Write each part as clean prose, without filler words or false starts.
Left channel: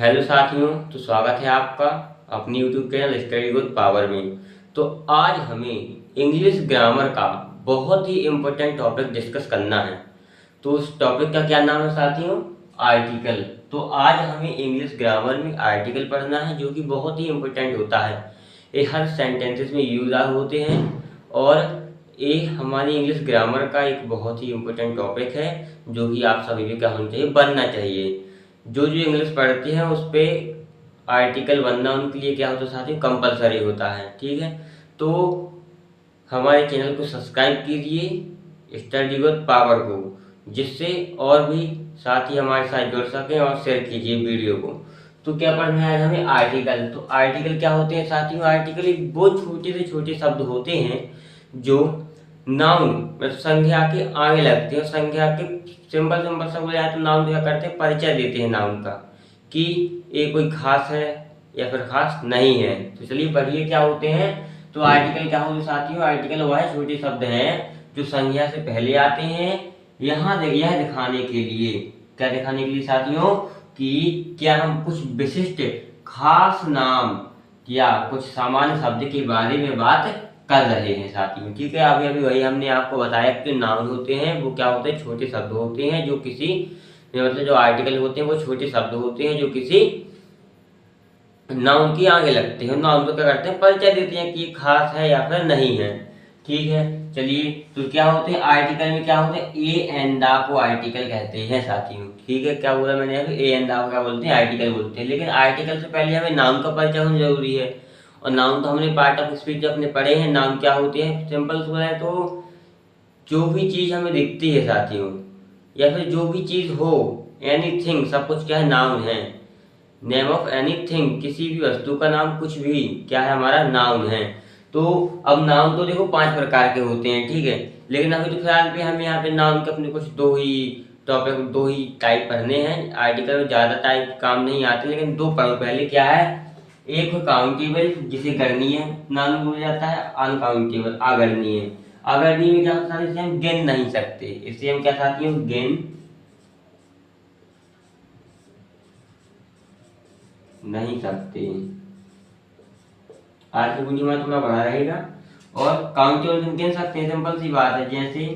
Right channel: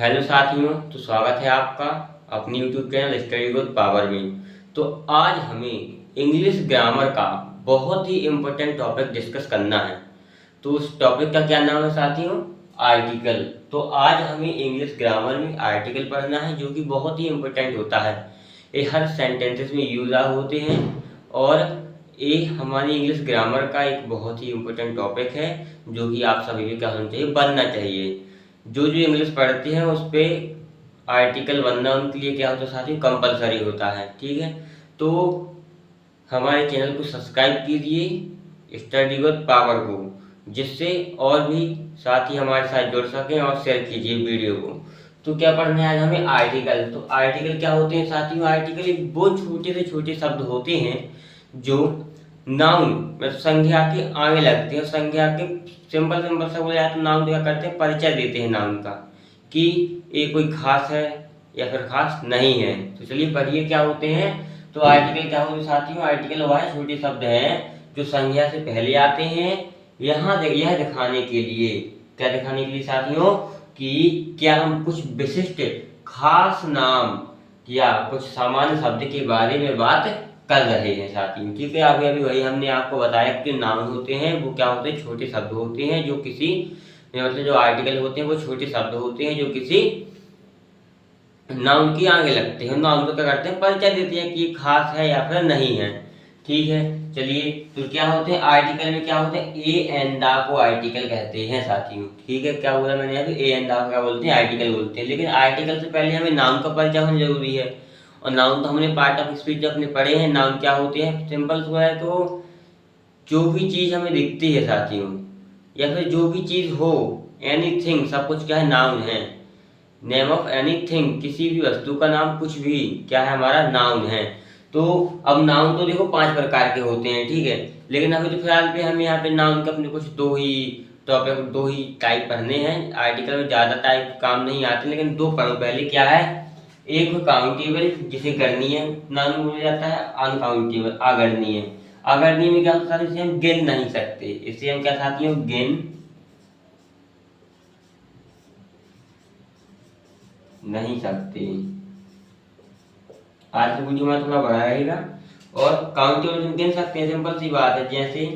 Hello साथियों, तो स्वागत है आपका अपनी YouTube channel study with power में। तो आज हमें इंग्लिश ग्रामर का बहुत ही इम्पोर्टेंट टॉपिक डिस्कस करना है। तो उस टॉपिक का क्या नाम है साथियों? आर्टिकल। तो आज हमें इंग्लिश ग्रामर में आर्टिकल पढ़ना है, जो कि बहुत ही इम्पोर्टेंट होता है। ये हर सेंटेंसेस में यूज होते हैं और ये हमारी इंग्लिश ग्रामर का एक बहुत ही इम्पोर्टेंट टॉपिक है, जो कि आप सभी को क्या होना चाहिए, बनना चाहिए। जो जो इंग्लिश पढ़ते हैं उस पर आर्टिकल बनना उनके लिए क्या होता है साथियों, कंपलसरी होता है। ठीक है, तो हमारे चैनल को सब्सक्राइब कीजिए स्टडी विद पावर को, जिससे और भी साथी हमारे साथ जुड़ सकें, और शेयर कीजिए वीडियो को। तो क्या पढ़ना है आज हमें? आर्टिकल। तो आर्टिकल क्या होते हैं साथियों? आर्टिकल एक बहुत छोटे से छोटे शब्द होते हैं जो नाउन मतलब संज्ञा के आगे लगते हैं। संज्ञा के सिंपल सिंपल सा बोला जाए तो नाउन क्या करते हैं, परिचय देते हैं नाउन का, कि ये कोई खास है या फिर खास नहीं है। तो चलिए पढ़िए क्या होते हैं। तो आर्टिकल क्या होते हैं साथियों? आर्टिकल वह छोटे शब्द हैं जो संज्ञा से पहले आते हैं, यह दिखाने के लिए, क्या दिखाने के लिए साथियों, कि क्या हम कुछ विशिष्ट खास नाम या कुछ सामान्य शब्द के बारे में बात कर रहे हैं साथियों। ठीक है, अभी अभी वही हमने आपको बताया कि नाउन होते हैं वो क्या होते हैं, छोटे शब्द होते हैं जो किसी मतलब जो आर्टिकल होते हैं वो छोटे शब्द होते हैं जो किसी नाउन के आगे लगते हैं। नाउन को क्या करते हैं, परिचय देते हैं कि खास है या फिर नहीं है। ठीक है, चलिए तो क्या होते हैं आर्टिकल में, क्या होते हैं, ए एंड दा को आर्टिकल कहते हैं साथियों। ठीक है, क्या बोला मैंने अभी, ए एंड दा को क्या बोलते हैं, आर्टिकल बोलते हैं। लेकिन आर्टिकल से पहले हमें नाउन का परिचय होना जरूरी है, और नाउन तो हमने पार्ट ऑफ स्पीच अपने पढ़े हैं। नाउन क्या होते हैं, सिंपल सा है तो जो भी चीज़ हमें दिखती है साथियों, या फिर जो भी चीज़ हो, एनीथिंग, सब कुछ क्या है, नाउन है। नेम ऑफ एनीथिंग, किसी भी वस्तु का नाम, कुछ भी क्या है, हमारा नाउन है। तो अब नाउन तो देखो 5 प्रकार के होते हैं। ठीक है, लेकिन अभी तो फिलहाल पे हमें यहाँ पे नाउन के अपने कुछ दो ही टॉपिक, दो ही टाइप पढ़ने हैं। आर्टिकल में ज़्यादा टाइप काम नहीं आते, लेकिन दो पढ़ो। पहले क्या है, एक काउंटेबल, जिसे गणनीय नाउन बोला जाता है, अनकाउंटेबल अगणनीय। अगणनीय में क्या होता है, इसे हम गिन नहीं सकते, इसे हम क्या साथियों, गिन नहीं सकते। आज की वीडियो में थोड़ा बड़ा रहेगा। और काउंटेबल में गिन सकते हैं, सिंपल सी बात है। जैसे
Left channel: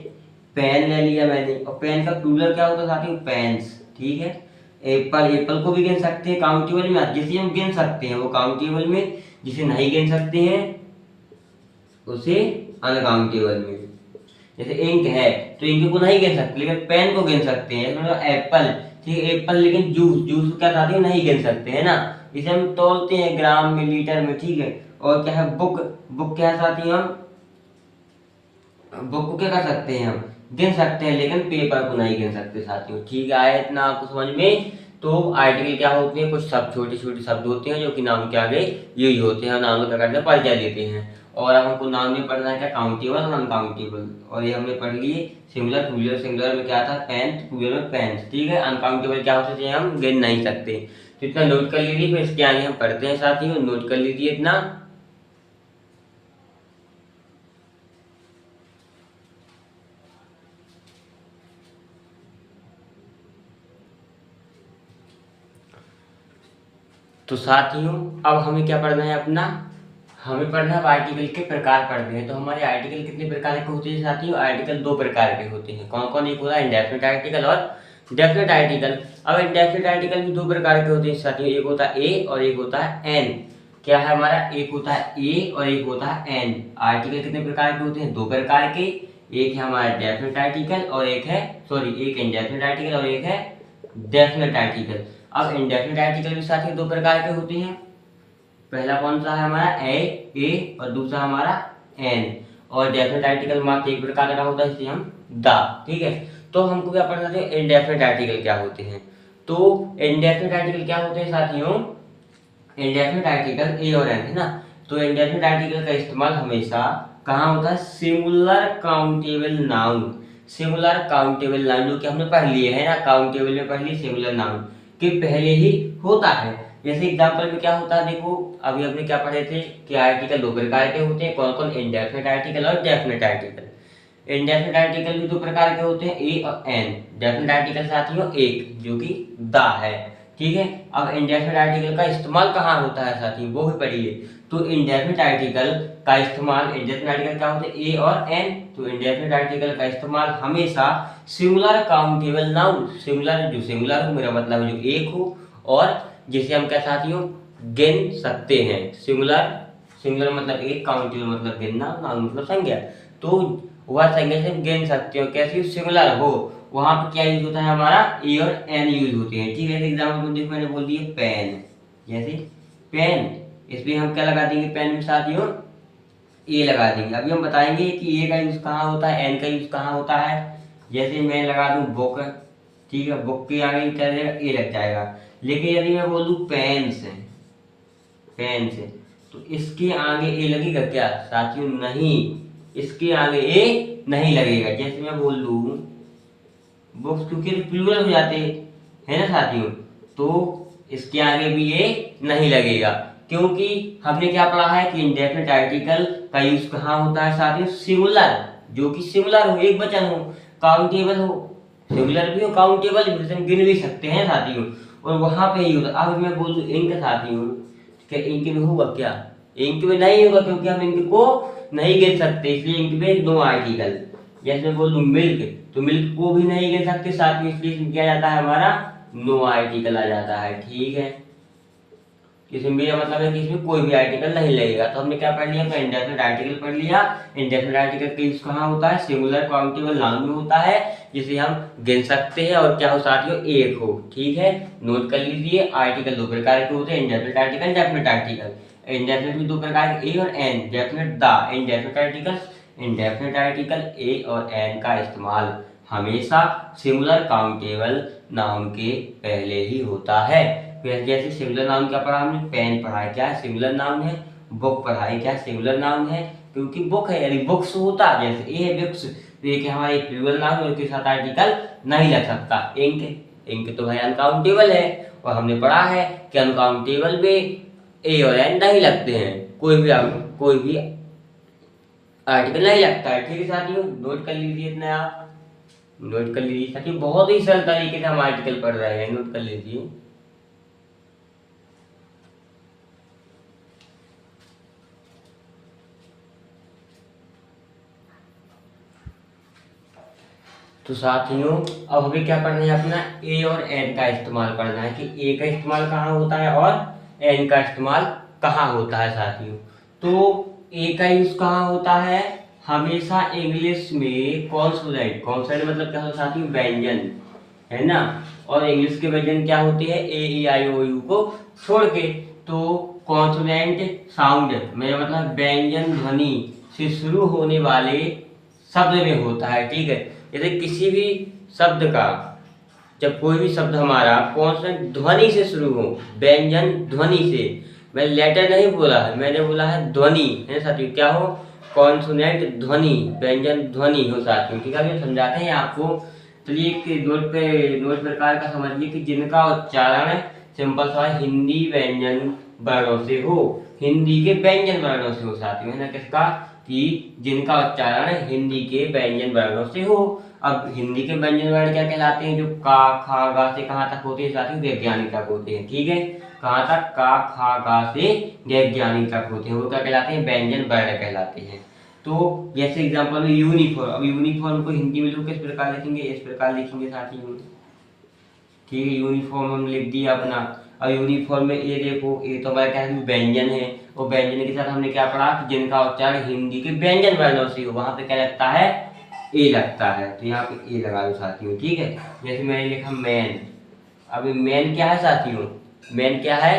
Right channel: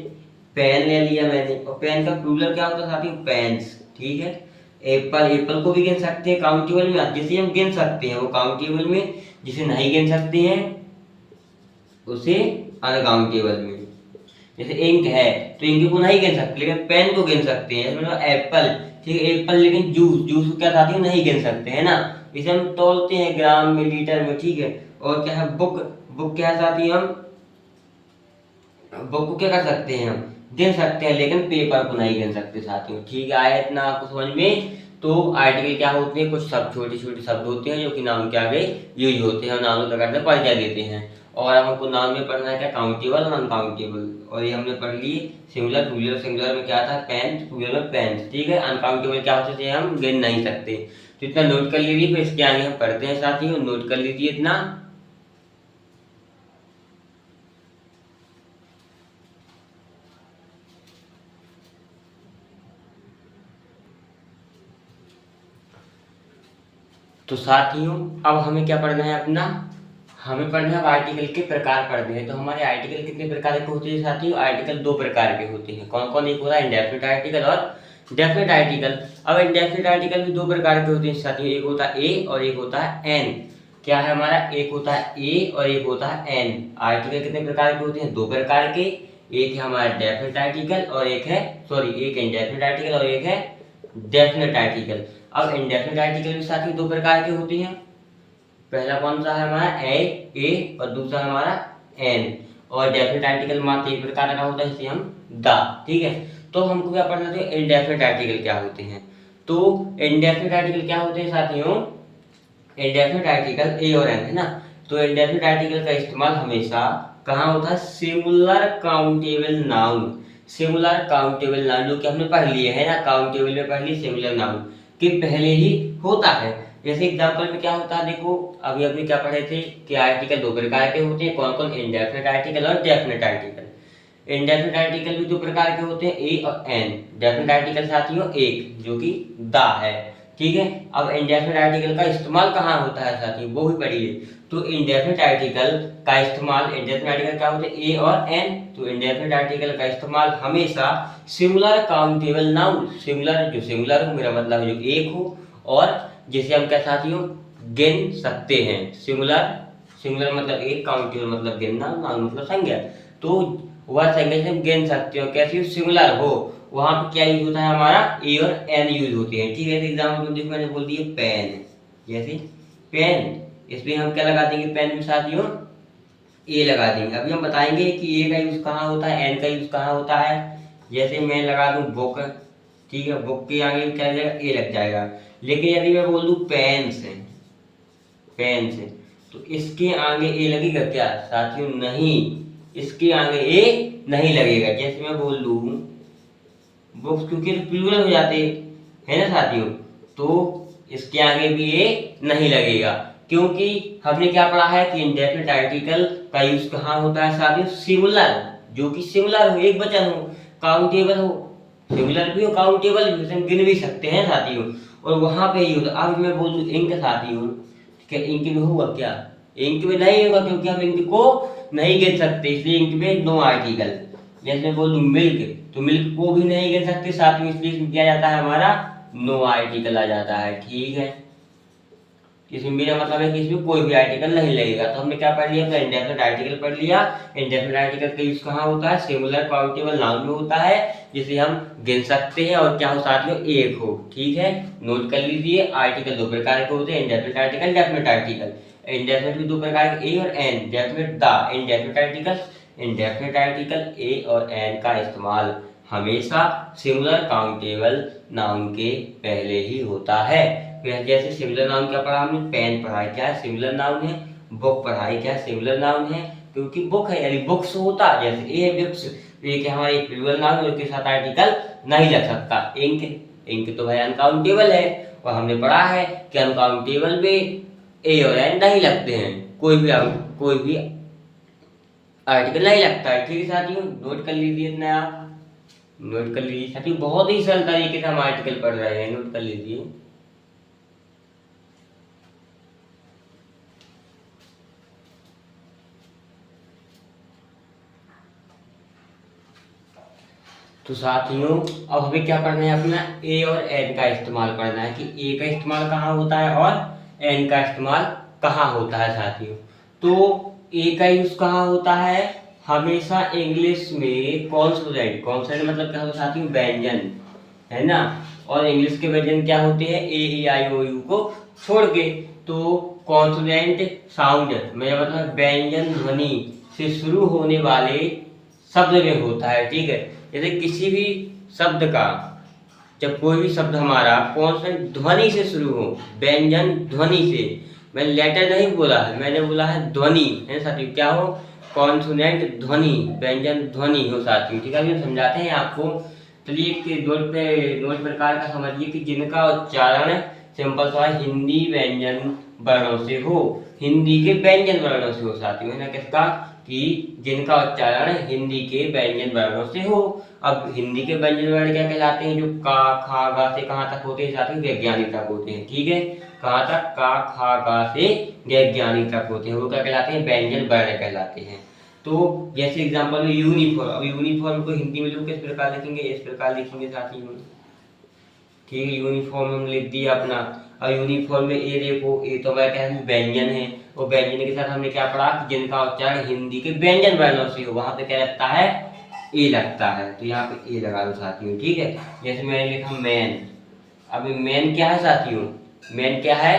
पेन ले लिया मैंने, और पेन का प्लूरल क्या होता है साथियों, पेन्स। ठीक है, एप्पल, एप्पल को भी गिन सकते हैं काउंटेबल में, जिसे हम गिन सकते हैं वो काउंटेबल में, जिसे नहीं गिन सकते हैं उसे अनकाउंटेबल में। जैसे इंक है तो इंक को नहीं गिन सकते, लेकिन पेन को गिन सकते हैं। मतलब एप्पल, ठीक है, एप्पल, लेकिन जूस, जूस को क्या साथियों, नहीं गिन सकते है ना, इसे हम तोलते हैं ग्राम में, लीटर में। ठीक है, और क्या है, बुक, बुक क्या है साथियों, हम बुक को क्या कर सकते हैं, हम गिन सकते हैं, लेकिन पेपर को नहीं गिन सकते साथियों। ठीक है, आया इतना आपको समझ में। तो आर्टिकल क्या होते हैं, कुछ सब छोटे छोटे शब्द होते हैं जो कि नाउन के आगे यूज होते हैं, नाउन को क्या करते हैं, परिचय देते हैं। और अब हमको नाउन में पढ़ना है क्या, काउंटेबल और अनकाउंटेबल। और ये हमने पढ़ लिए सिंगुलर, प्लूरल। सिंगुलर में क्या था, पेन, प्लूरल में पेन। ठीक है, अनकाउंटेबल क्या होते हैं, हम गिन नहीं सकते। तो इतना नोट कर लीजिए, फिर इसके आगे हम पढ़ते हैं साथियों। नोट कर लीजिए इतना। तो साथियों अब हमें क्या पढ़ना है अपना, हमें पढ़ना है आर्टिकल के प्रकार पढ़ने हैं। तो हमारे आर्टिकल कितने प्रकार के होते हैं साथियों? आर्टिकल 2 प्रकार के होते हैं। कौन कौन? एक होता है इंडेफिनिट आर्टिकल और डेफिनिट आर्टिकल। अब इंडेफिनिट आर्टिकल भी 2 प्रकार के होते हैं साथियों, एक होता है ए और एक होता है एन। क्या है हमारा, एक होता है ए और एक होता है एन। आर्टिकल कितने प्रकार के होते हैं? 2 प्रकार के। एक है हमारा डेफिनिट आर्टिकल और एक है, सॉरी, एक इंडेफिनिट आर्टिकल और एक है डेफिनिट आर्टिकल। अब इंडेफिनिट आर्टिकल भी साथियों 2 प्रकार के होते हैं। पहला कौन सा है हमारा, ए, और दूसरा हमारा एन। और डेफिनेट आर्टिकल मात्र एक प्रकार का होता है, इसे हम द। ठीक है, तो हमको क्या पढ़ना है, इंडेफिनेट आर्टिकल क्या होते हैं। तो इंडेफिनेट आर्टिकल क्या होते हैं साथियों, इंडेफिनेट आर्टिकल ए और एन है ना। तो इंडेफिनेट आर्टिकल का इस्तेमाल हमेशा कहाँ होता है, singular countable noun. Singular countable noun जो कि हमने पढ़ लिए है ना, काउंटेबल में पढ़ ली, सिंगुलर नाउन के पहले ही होता है। जैसे एग्जांपल में क्या होता है, देखो अभी हमने क्या पढ़े थे कि आर्टिकल 2 प्रकार के होते हैं। कौन कौन? इंडेफिनिट आर्टिकल और डेफिनिट आर्टिकल। इंडेफिनिट आर्टिकल भी 2 प्रकार के होते हैं, ए और एन। डेफिनिट आर्टिकल साथियों एक, जो कि द है। ठीक है। अब इंडेफिनिट आर्टिकल का इस्तेमाल कहाँ होता है साथियों, वो भी पढ़िए। तो इंडेफिनिट आर्टिकल का इस्तेमाल, इंडेफिनिट आर्टिकल क्या होते हैं, ए और एन। तो इंडेफिनिट आर्टिकल का इस्तेमाल हमेशा सिंगुलर काउंटेबल नाउन, सिंगुलर जो सिंगुलर हो मेरा मतलब जो एक हो, और जिसे हम क्या साथियों गिन सकते हैं। सिंगुलर, सिंगुलर मतलब एक, काउंटेबल मतलब गिनना, नाउन मतलब संज्ञा। तो वह संज्ञा से हम गिन सकते हो, कैसे सिंगुलर हो, वहां पे क्या यूज होता है हमारा, ए और एन यूज होते हैं। ठीक है, एग्जाम्पल में देखो मैंने बोल दिया पेन, जैसे पेन, इसमें हम क्या लगा देंगे पेन में साथियों, ए लगा देंगे। अभी हम बताएंगे कि ए का यूज कहाँ होता है, एन का यूज कहाँ होता है। जैसे मैं लगा दूं बुक, ठीक है, बुक के आगे क्या लग जाएगा, ए लग जाएगा। लेकिन यदि मैं बोल दूं पेन से, पेन से, तो इसके आगे ए लगेगा क्या साथियों, नहीं, इसके आगे ए नहीं लगेगा। जैसे मैं बोल दूं बुक्स, क्योंकि तो प्लूरल हो जाते है ना साथियों, तो इसके आगे भी ये नहीं लगेगा, क्योंकि हमने क्या पढ़ा है कि इंडेफिनिट आर्टिकल का यूज कहाँ होता है साथियों, सिंगुलर, जो कि सिंगुलर हो, एक वचन हो, काउंटेबल हो, सिंगुलर भी हो काउंटेबल भी, हम गिन भी सकते हैं साथियों, और वहां पे यूज। अब मैं बोल दूं इंक साथियों, क्या इंक में होगा क्या, इंक में नहीं होगा, क्योंकि हम इंक को नहीं गिन सकते, इसलिए इंक में नो आर्टिकल। जैसे मैं बोल दूं मिल्क, तो मिल्क को भी नहीं गिन सकते साथ में, इसलिए इसमें क्या जाता है हमारा नो आर्टिकल आ जाता है। ठीक है, इसमें मेरा मतलब है कि इसमें कोई भी आर्टिकल नहीं लगेगा। तो हमने क्या पढ़ लिया, तो इंडेफिनिट आर्टिकल पढ़ लिया। इंडेफिनिट आर्टिकल का यूज कहाँ होता है, सिंगुलर काउंटेबल नाउन में होता है, जिसे हम गिन सकते हैं और क्या हो साथियों एक हो। ठीक है, नोट कर लीजिए। आर्टिकल दो प्रकार के होते हैं, indefinite article, definite article. Indefinite भी दो प्रकार के, ए और an, definite the, indefinite article. Indefinite article a और एन का इस्तेमाल हमेशा सिंगुलर काउंटेबल नाउन के पहले ही होता है। फिर जैसे सिंगुलर नाउन क्या पढ़ा हमने, पेन पढ़ा है, क्या सिंगुलर नाउन है। बुक पढ़ा है, क्या सिंगुलर नाउन है, क्योंकि बुक है यानी बुक्स होता है, जैसे ए है बुक्स, तो ये क्या हमारा एक प्लूरल नाउन है, उसके साथ आर्टिकल नहीं लग सकता। इंक, इंक तो भाई अनकाउंटेबल है, और हमने पढ़ा है कि अनकाउंटेबल में ए और एन नहीं लगते हैं, कोई भी आर्टिकल नहीं लगता है। ठीक है साथियों, नोट कर लीजिए इतना, आप नोट कर लीजिए साथियों, बहुत ही सरल तरीके से हम आर्टिकल पढ़ रहे हैं, नोट कर लीजिए। तो साथियों अब हमें क्या पढ़ना है, अपना ए और एन का इस्तेमाल पढ़ना है, कि ए का इस्तेमाल कहाँ होता है और एन का इस्तेमाल कहाँ होता है साथियों। तो ए का यूज कहाँ होता है, हमेशा इंग्लिश में कॉन्सोनेंट, कॉन्सोनेंट मतलब क्या होता है साथियों, व्यंजन, है ना। और इंग्लिश के व्यंजन क्या होते हैं, ए ई आई ओ यू को छोड़ के। तो कॉन्सोनेंट साउंड, मेरा मतलब व्यंजन ध्वनि से शुरू होने वाले शब्द में होता है। ठीक है, जैसे किसी भी शब्द का, जब कोई भी शब्द हमारा कॉन्सोनेंट ध्वनि से शुरू हो, व्यंजन ध्वनि से, मैं लेटर नहीं बोला है, मैंने बोला है ध्वनि, है साथियों, क्या हो, कॉन्सोनेंट ध्वनि, व्यंजन ध्वनि हो साथियों। ठीक है, ये समझाते हैं आपको। चलिए एक नोट प्रकार का समझिए कि जिनका उच्चारण सिंपल सा हिंदी व्यंजन वर्णों से हो, हिंदी के व्यंजन वर्णों से हो साथियों, है ना, किसका, कि जिनका उच्चारण हिंदी के व्यंजन वर्णों से हो। अब हिंदी के व्यंजन वर्ण क्या कहलाते हैं, जो का खा गा से कहाँ तक होते हैं साथियों, वैज्ञानिक तक होते हैं। ठीक है, कहाँ तक, का खा गा से वैज्ञानिक तक होते हैं, वो क्या कहलाते हैं, व्यंजन वर्ण कहलाते हैं। तो जैसे एग्जांपल में यूनिफॉर्म, अब यूनिफॉर्म को हिंदी में लोग किस प्रकार लिखेंगे, इस प्रकार लिखेंगे साथियों। ठीक है, यूनिफॉर्म हम लिख दिया अपना। अब यूनिफॉर्म में ए देखो, ए तो हमारा क्या है, व्यंजन है, और व्यंजन के साथ हमने क्या पढ़ा कि जिनका उच्चारण हिंदी के व्यंजन वर्णों से हो, वहां पे क्या लगता है, ए लगता है। तो यहाँ पे ए लगा दो साथियों। ठीक है, जैसे मैंने लिखा मैन, अब मैन क्या है साथियों, मैन क्या है,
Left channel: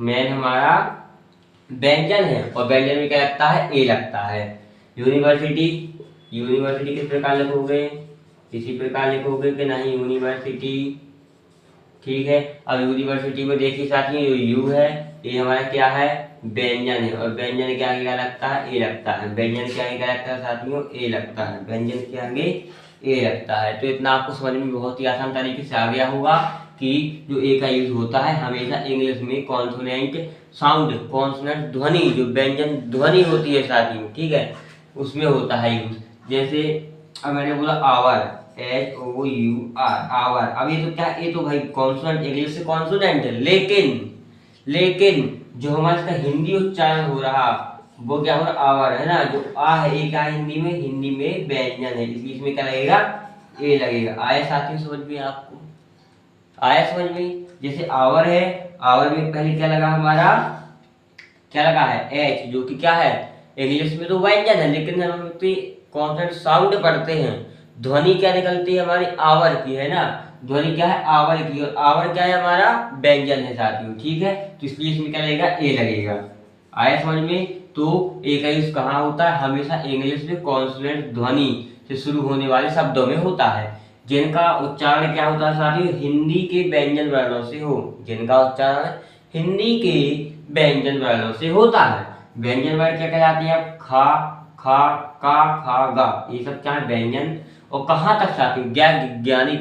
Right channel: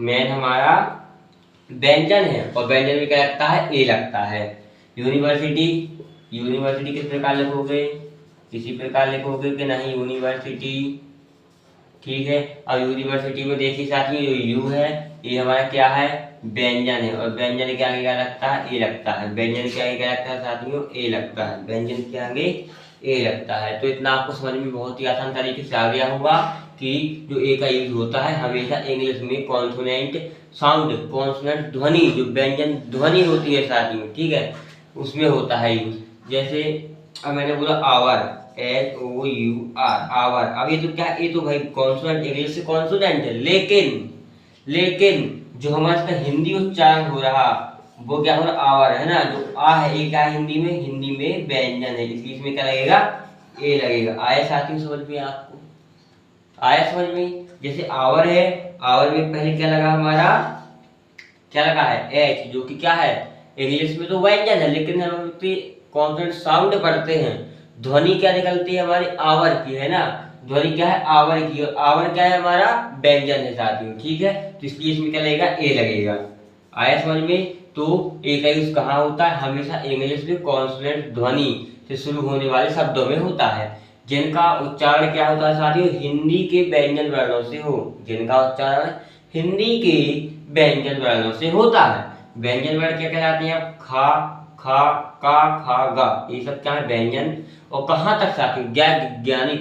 मैन हमारा व्यंजन है, और व्यंजन में क्या लगता है, ए लगता है। यूनिवर्सिटी, यूनिवर्सिटी किस प्रकार लिखोगे, किसी प्रकार लिखोगे कि नहीं, यूनिवर्सिटी। ठीक है, अब यूनिवर्सिटी में देखिए साथियों, जो यू है ये हमारा क्या है, व्यंजन है, और व्यंजन के आगे क्या लगता है, ए लगता है। व्यंजन के आगे क्या लगता है साथियों, ए लगता है, व्यंजन के आगे ए लगता है। तो इतना आपको समझ में बहुत ही आसान तरीके से आ गया होगा कि जो ए का यूज होता है हमेशा इंग्लिश में कॉन्सोनेंट साउंड, कॉन्सोनेंट ध्वनि, जो व्यंजन ध्वनि होती है साथियों, ठीक है, उसमें होता है यूज। जैसे अब मैंने बोला आवर, HOUR, आवर। अब ये तो क्या, ये तो भाई कॉन्सोनेंट, इंग्लिश से कॉन्सोनेंट है, लेकिन जो हमारा इसका हिंदी उच्चारण हो रहा वो क्या हो रहा, आवर है ना। जो आ है ये क्या है, हिंदी में व्यंजन है, इसलिए इसमें क्या लगेगा, ए लगेगा। आया साथियों समझ में आपको, आया समझ में। जैसे आवर है, आवर में पहले क्या लगा हमारा, क्या लगा है, एच, जो कि क्या है, इंग्लिश में तो व्यंजन है, लेकिन हम उसके कॉन्सोनेंट साउंड पढ़ते हैं, ध्वनि क्या निकलती है हमारी, आवर की, है ना। ध्वनि क्या है, आवर की, और आवर क्या है हमारा, व्यंजन है साथियों, ठीक है। तो इसलिए इसमें क्या लगेगा, ए लगेगा। आया समझ में। तो ए का यूज कहाँ होता है, हमेशा इंग्लिश में कॉन्सोनेंट ध्वनि से शुरू होने वाले शब्दों में होता है, जिनका उच्चारण क्या होता है साथियों, हिंदी के व्यंजन वर्णों से हो, जिनका उच्चारण हिंदी के व्यंजन वर्णों से होता है। व्यंजन वर्ण क्या कहलाते हैं, खा, खा, का, खा, गा, ये सब क्या है, व्यंजन। और कहाँ तक साथियों, ज्ञानी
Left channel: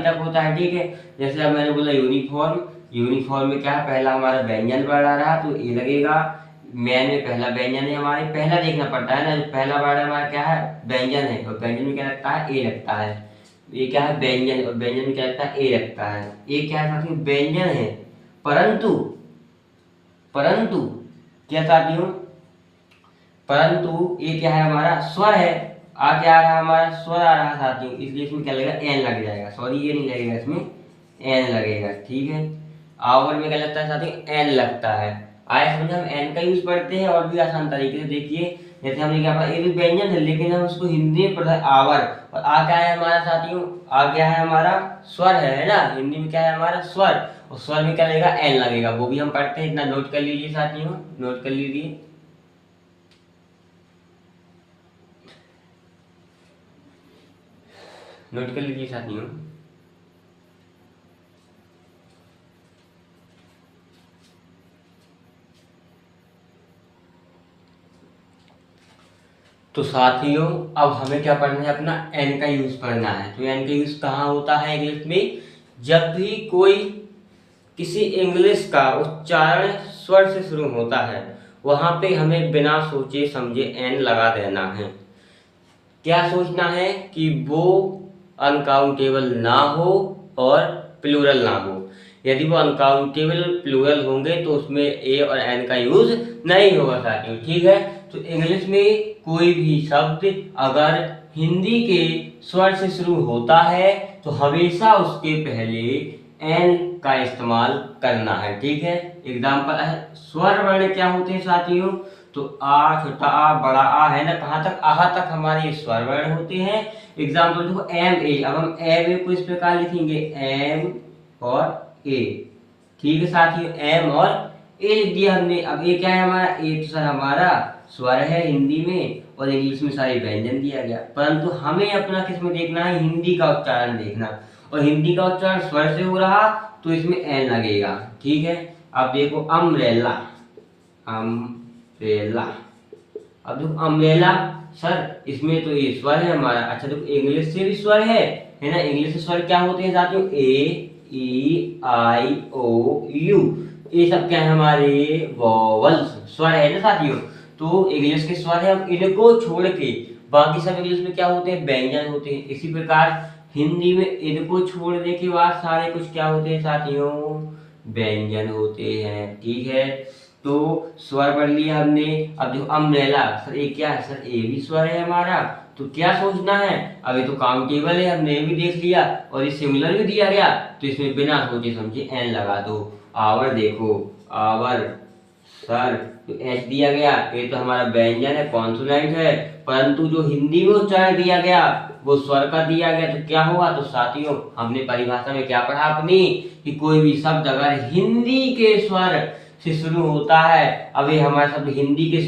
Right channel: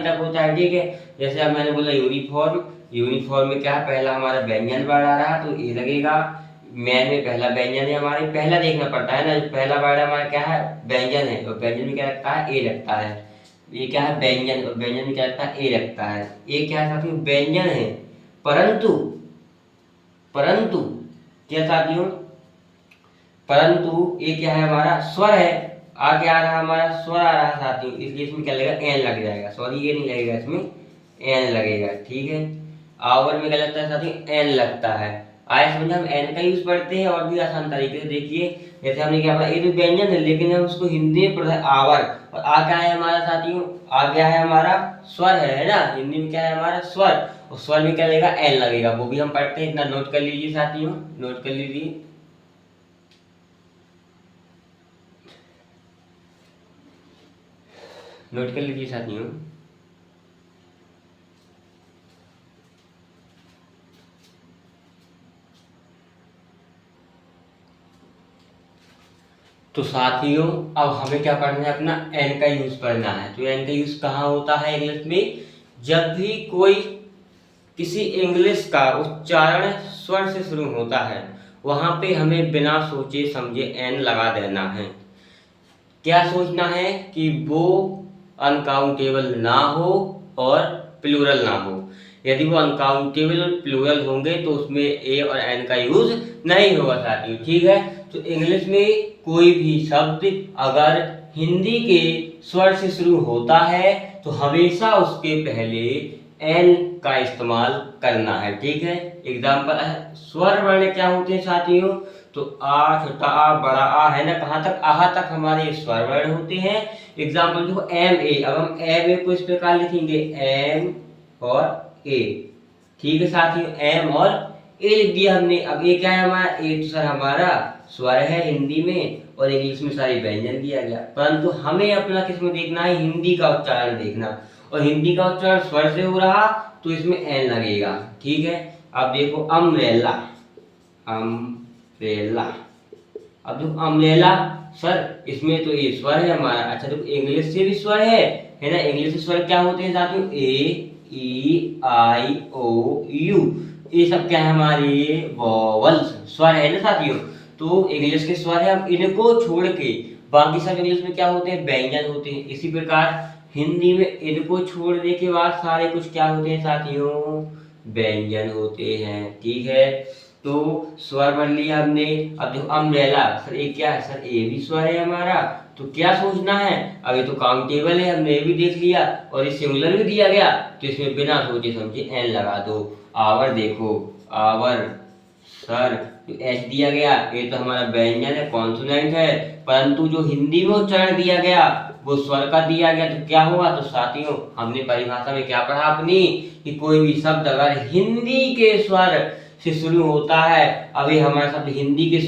तक होता है, ठीक है। जैसे अब मैंने बोला यूनिफॉर्म, यूनिफॉर्म में क्या है, पहला हमारा व्यंजन वर्ण आ रहा तो ए लगेगा। मैन में पहला व्यंजन है हमारे, पहला देखना पड़ता है ना, जो पहला वर्ड हमारा क्या है, व्यंजन है, और व्यंजन में क्या लगता है, ए लगता है। ये क्या है, व्यंजन, और व्यंजन में क्या लगता है, ए लगता है। ये क्या है साथियों, व्यंजन है, परंतु परंतु क्या साथियों, परंतु ये क्या है हमारा, स्वर है। आ क्या आ रहा हमारा, स्वर आ रहा साथियों, इसलिए इसमें क्या लगेगा, एन लग जाएगा, सॉरी ये नहीं लगेगा, इसमें एन लगेगा, ठीक है। आवर में क्या लगता है साथियों, एन लगता है। आए समझ, हम एन का यूज पढ़ते हैं और भी आसान तरीके से, देखिए जैसे हमने क्या पढ़ा, ये तो व्यंजन है लेकिन हम उसको हिंदी में पढ़ा है आवर, और आ क्या है हमारा साथियों, आ क्या है हमारा, स्वर है ना, हिंदी में क्या है हमारा, स्वर, और स्वर में क्या लगेगा, एन लगेगा, वो भी हम पढ़ते हैं, इतना नोट कर लीजिए साथियों, नोट कर लीजिए। नोट कर लीजिए साथियों। तो साथियों अब हमें क्या पढ़ना है, अपना एन का यूज पढ़ना है। तो एन का यूज कहाँ होता है इंग्लिश में, जब भी कोई किसी इंग्लिश का उच्चारण स्वर से शुरू होता है, वहां पे हमें बिना सोचे समझे एन लगा देना है। क्या सोचना है कि वो अनकाउंटेबल ना हो और प्लूरल ना हो। यदि वो अनकाउंटेबल और प्लूरल होंगे तो उसमें ए और एन का यूज नहीं होगा साथियों, ठीक है। तो इंग्लिश में कोई भी शब्द अगर हिंदी के स्वर से शुरू होता है तो हमेशा उसके पहले एन का इस्तेमाल करना है, ठीक है। एग्जाम्पल है, स्वर वर्ण क्या होते हैं साथियों, तो आ, छोटा आ, बड़ा आ, है ना, कहाँ तक, आहा तक हमारे स्वर वर्ण होते हैं। एग्जाम्पल देखो एम ए, अब हम एम ए को इस प्रकार लिखेंगे, एम और ए, ठीक है साथियों, एम और ए लिख दिया हमने। अब ये क्या है हमारा, ए तो सर हमारा स्वर है हिंदी में, और इंग्लिश में सारे व्यंजन दिया गया, परंतु हमें अपना किस में देखना है, हिंदी का उच्चारण देखना, और हिंदी का उच्चारण स्वर से हो रहा तो इसमें एन लगेगा, ठीक है। अब देखो अम्ब्रेला, अम्ब्रेला, अब देखो अम्ब्रेला, सर इसमें तो ये स्वर है हमारा, अच्छा देखो इंग्लिश से भी स्वर है ना, इंग्लिश से स्वर क्या होते हैं साथियों, ए ई आई ओ यू, ये सब क्या है हमारे वॉवल्स, स्वर है ना साथियों। तो इंग्लिश के स्वर है, अब इनको छोड़ के बाकी सब इंग्लिश में क्या होते हैं, व्यंजन होते हैं। इसी प्रकार हिंदी में इनको छोड़ने के बाद सारे कुछ क्या होते हैं साथियों, व्यंजन होते हैं, ठीक है। तो स्वर पढ़ लिया हमने। अब देखो अम्ब्रेला, सर ये क्या है, सर ये भी स्वर है हमारा, तो क्या सोचना है, अभी तो काउंटेबल है, हमने ये भी देख लिया और ये सिंगुलर भी दिया गया, तो इसमें बिना सोचे समझे एन लगा दो। आवर देखो, आवर, सर तो एच दिया गया, ये तो हमारा व्यंजन है, कॉन्सोनेंट है, परंतु जो हिंदी में उच्चारण दिया गया वो स्वर का दिया गया, तो क्या हुआ, तो साथियों हमने परिभाषा में क्या पढ़ा अपनी, कि कोई भी शब्द अगर हिंदी के स्वर से शुरू होता है, अभी हमारा शब्द हिंदी के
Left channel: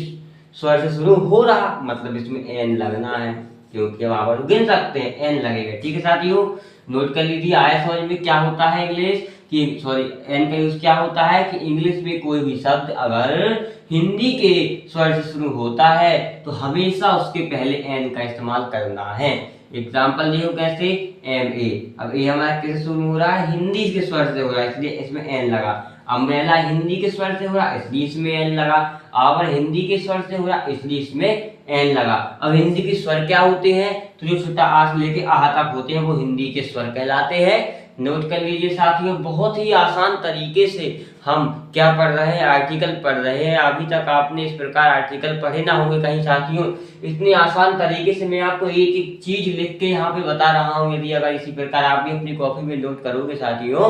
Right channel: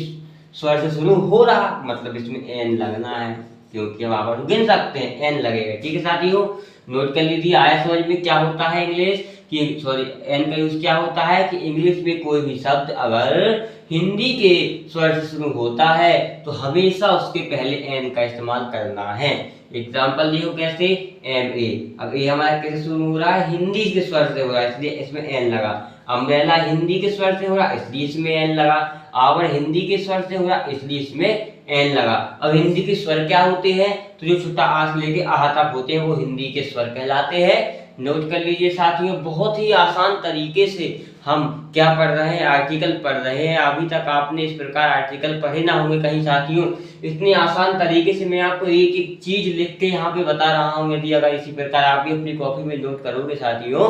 स्वर से शुरू हो रहा, मतलब इसमें एन लगना है, क्योंकि हम आवर गिन सकते हैं, एन लगेगा, ठीक है साथियों। नोट कर लीजिए, आया समझ में क्या होता है इंग्लिश कि, सॉरी एन का यूज क्या होता है कि इंग्लिश में कोई भी शब्द अगर हिंदी के स्वर से शुरू होता है तो हमेशा उसके पहले एन का इस्तेमाल करना है। एग्जाम्पल देखो कैसे, एम ए, अब ए हमारा कैसे शुरू हो रहा है, हिंदी के स्वर से हो रहा है, इसलिए इसमें एन लगा। अम्ब्रेला हिंदी के स्वर से हो रहा इसलिए इसमें एन लगा। आवर हिंदी के स्वर से हो रहा इसलिए इसमें एन लगा। अब हिंदी के स्वर क्या होते हैं, तो जो छोटा आ से लेके आहा तक होते हैं वो हिंदी के स्वर कहलाते हैं। नोट कर लीजिए साथियों, बहुत ही आसान तरीके से हम क्या पढ़ रहे हैं, आर्टिकल पढ़ रहे हैं। अभी तक आपने इस प्रकार आर्टिकल पढ़े ना होंगे कहीं साथियों। इतने आसान तरीके से मैं आपको एक एक चीज लिख के यहाँ पे बता रहा हूँ। यदि अगर इसी प्रकार आप भी अपनी कॉपी में नोट करोगे साथियों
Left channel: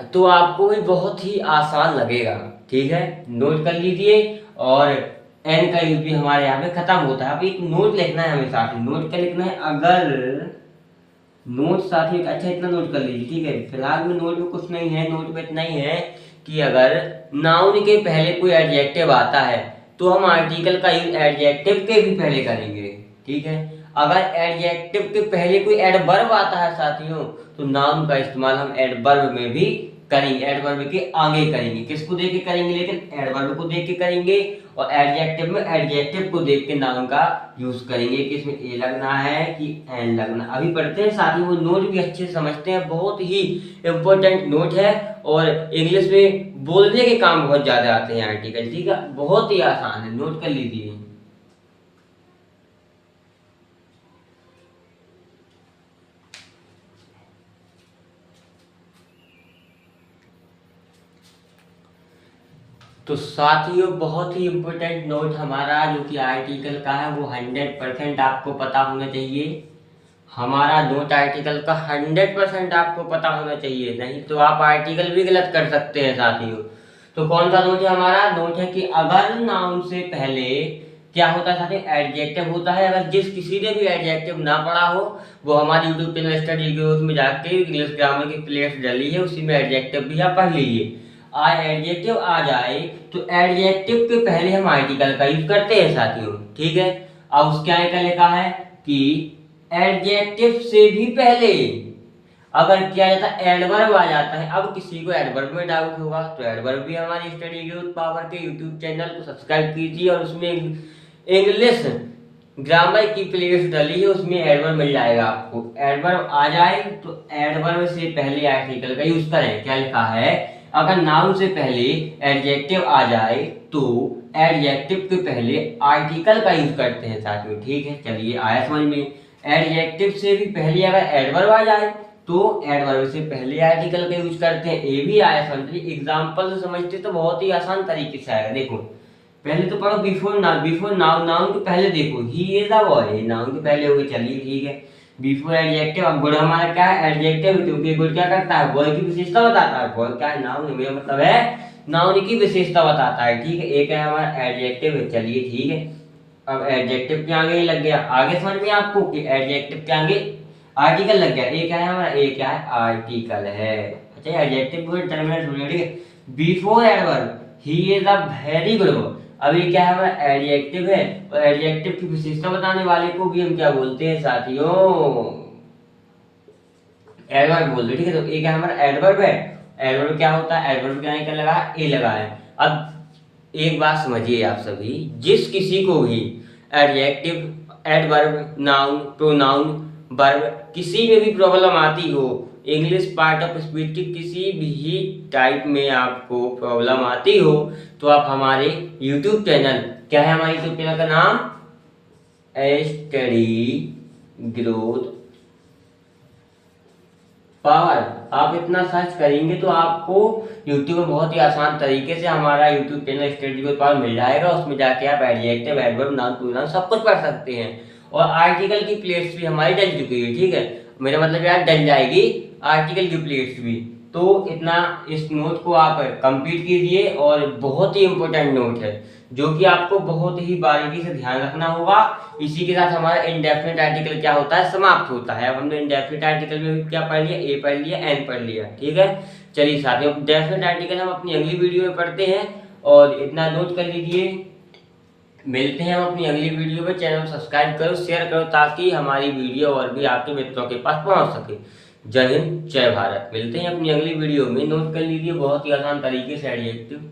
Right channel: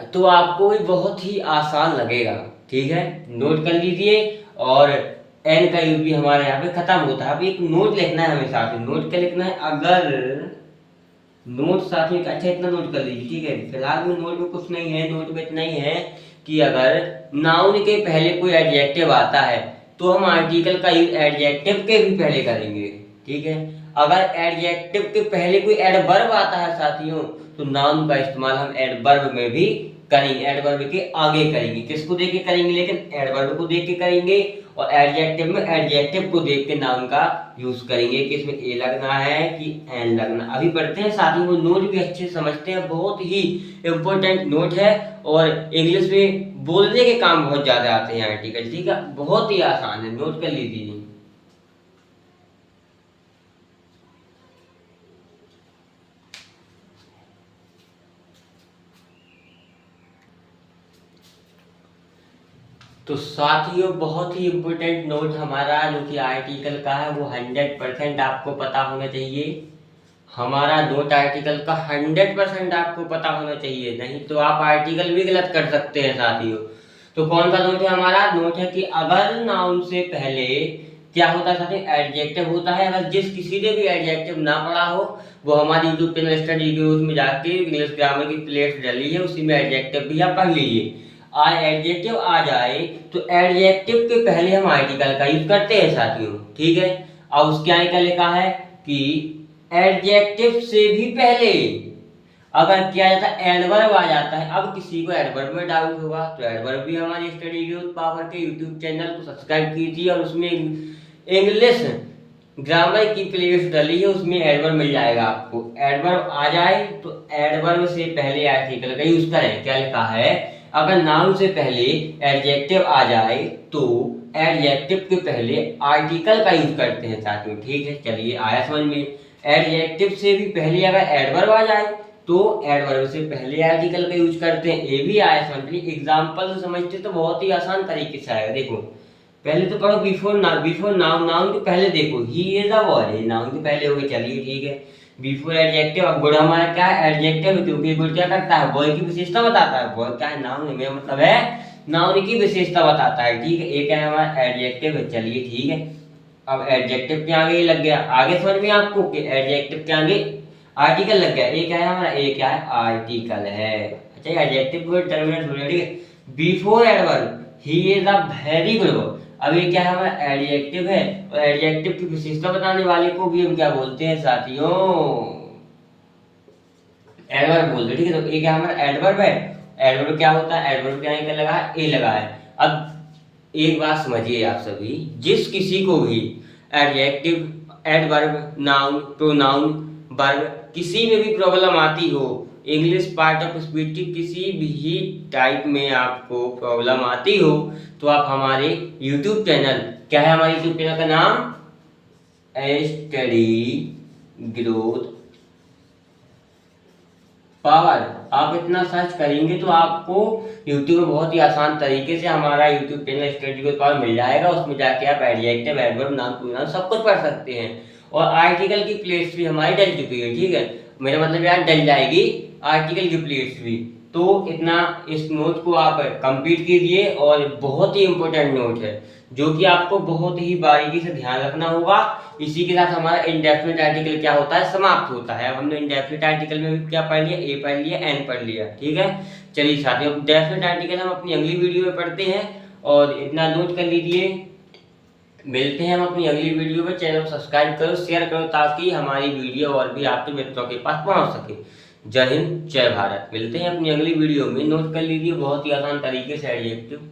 तो आपको भी बहुत ही आसान लगेगा। ठीक है, नोट कर लीजिए। और एन का यूज भी हमारे यहाँ पे खत्म होता है। अब एक नोट लिखना है हमें साथ में। नोट क्या लिखना है, अगर नोट साथ में अच्छा इतना नोट कर लीजिए। ठीक है, फिलहाल में नोट में कुछ नहीं है। नोट में इतना ही है कि अगर नाउन के पहले कोई एडजेक्टिव आता है तो हम आर्टिकल का यूज एडजेक्टिव के भी पहले करेंगे। ठीक है, अगर एडजेक्टिव के पहले कोई एडवर्ब आता है साथियों तो नाउन का इस्तेमाल हम एडवर्ब में भी करेंगे। एडवर्ब के आगे करेंगे। किसको देख के करेंगे, लेकिन एडवर्ब को देख के करेंगे। और एडजेक्टिव में एडजेक्टिव को देख के नाउन का यूज करेंगे कि इसमें ए लगना है कि एन लगना। अभी पढ़ते हैं साथियों, वो नोट भी अच्छे समझते हैं। बहुत ही इंपॉर्टेंट नोट है और इंग्लिश में बोलने के काम बहुत ज्यादा आते हैं आर्टिकल। ठीक है, बहुत ही आसान है, नोट कर लीजिए। तो साथियों बहुत ही इम्पोर्टेंट नोट हमारा जो कि आर्टिकल का है वो 100% आपको पता होना चाहिए। हमारा नोट आर्टिकल का 100% आपको पता होना चाहिए, नहीं तो आप आर्टिकल भी गलत कर सकते हैं साथियों। तो कौन सा नोट है हमारा, नोट है कि अगर नाउन से पहले क्या होता है साथियों, एडजेक्टिव होता है। अगर जिस किसी ने भी एडजेक्टिव ना पढ़ा हो वो हमारी यूट्यूब चैनल स्टडी के उसमें जाके इंग्लिश ग्रामर की प्लेलिस्ट डाली है, उसी में एडजेक्टिव भी आप पढ़ लीजिए। एडजेक्टिव आ जाए तो एडजेक्टिव के पहले हम आर्टिकल का यूज करते हैं साथियों। ठीक है, अब उसके आगे क्या लिखा है कि एडजेक्टिव से भी पहले अगर क्या जाता है एडवर्ब आ जाता है। अब किसी को एडवर्ब में डाउट होगा तो एडवर्ब भी हमारी स्टडी ग्रोथ पावर के यूट्यूब चैनल को सब्सक्राइब कीजिए और उसमें इंग्लिश ग्रामर की प्लेलिस्ट डाली है, उसमें एडवर्ब मिल जाएगा आपको। एडवर्ब आ जाए तो एडवर्ब से पहले आर्टिकल का यूज करें। क्या लिखा है, अगर नाउन से पहले एडजेक्टिव आ जाए तो एडजेक्टिव के पहले आर्टिकल का यूज करते हैं साथियों। ठीक है, चलिए आया समझ में। एडजेक्टिव से भी पहले अगर एडवर्ब आ जाए तो एडवर्ब से पहले आर्टिकल का यूज करते हैं। ये भी आया समझ में। एग्जाम्पल से समझते तो बहुत ही आसान तरीके से आएगा। देखो पहले तो पढ़ो before noun. Before noun, noun के पहले देखो he is a boy, noun के पहले हो गए। चलिए ठीक है, बिफोर एडजेक्टिव। अब गुड हमारा क्या है, एडजेक्टिव, क्योंकि गुड क्या करता है, बॉय की विशेषता बताता है। बॉय क्या है, नाउन है, मेरा मतलब है नाउन की विशेषता बताता है। ठीक है, एक है हमारा एडजेक्टिव है। चलिए ठीक है, अब एडजेक्टिव के आगे लग गया। आगे समझ में आपको कि एडजेक्टिव के आगे आर्टिकल लग गया। एक है हमारा, एक क्या है, आर्टिकल है। अच्छा, एडजेक्टिव को टर्मिनेट हो गया। ठीक है, before adverb he is a very good. अब ये क्या है, हमारा एडजेक्टिव है और एडजेक्टिव की विशेषता बताने वाले को भी हम क्या बोलते हैं साथियों, एडवर्ब बोलते हैं। ठीक है, तो एक है हमारा एडवर्ब है। एडवर्ब क्या होता है, एडवर्ब के आगे क्या लगा है, ए लगा है। अब एक बात समझिए आप सभी, जिस किसी को भी adjective, adverb, noun, pronoun, verb किसी में भी प्रॉब्लम आती हो, इंग्लिश पार्ट ऑफ स्पीच की किसी भी टाइप में आपको प्रॉब्लम आती हो तो आप हमारे यूट्यूब चैनल, क्या है हमारे यूट्यूब चैनल का नाम, स्टडी ग्रोथ पावर, आप इतना सर्च करेंगे तो आपको यूट्यूब में बहुत ही आसान तरीके से हमारा YouTube channel study growth power मिल जाएगा। उसमें जाके आप एडजेक्टिव, एडवर्ब, नाउन, प्रोनाउन सब कुछ पढ़ सकते हैं। और आर्टिकल की प्लेलिस्ट भी हमारी डल चुकी है। ठीक है, मेरा मतलब यार डल जाएगी आर्टिकल की प्लेलिस्ट भी। तो इतना इस नोट को आप कंप्लीट कीजिए और बहुत ही इंपॉर्टेंट नोट है जो कि आपको बहुत ही बारीकी से ध्यान रखना होगा। इसी के साथ हमारा इंडेफिनिट आर्टिकल क्या होता है, समाप्त होता है। अब हमने इंडेफिनिट आर्टिकल में भी क्या पढ़ लिया, ए पढ़ लिया, एन पढ़ लिया। ठीक है, चलिए साथियों डेफिनेट आर्टिकल हम अपनी अगली वीडियो में पढ़ते हैं और इतना नोट कर लीजिए। मिलते हैं हम अपनी अगली वीडियो में। चैनल सब्सक्राइब करो, शेयर करो ताकि हमारी वीडियो और भी आपके मित्रों के पास पहुंच सके। जय हिंद, जय भारत। मिलते हैं अपनी अगली वीडियो में। नोट कर लीजिए बहुत ही आसान तरीके से एडजेक्टिव।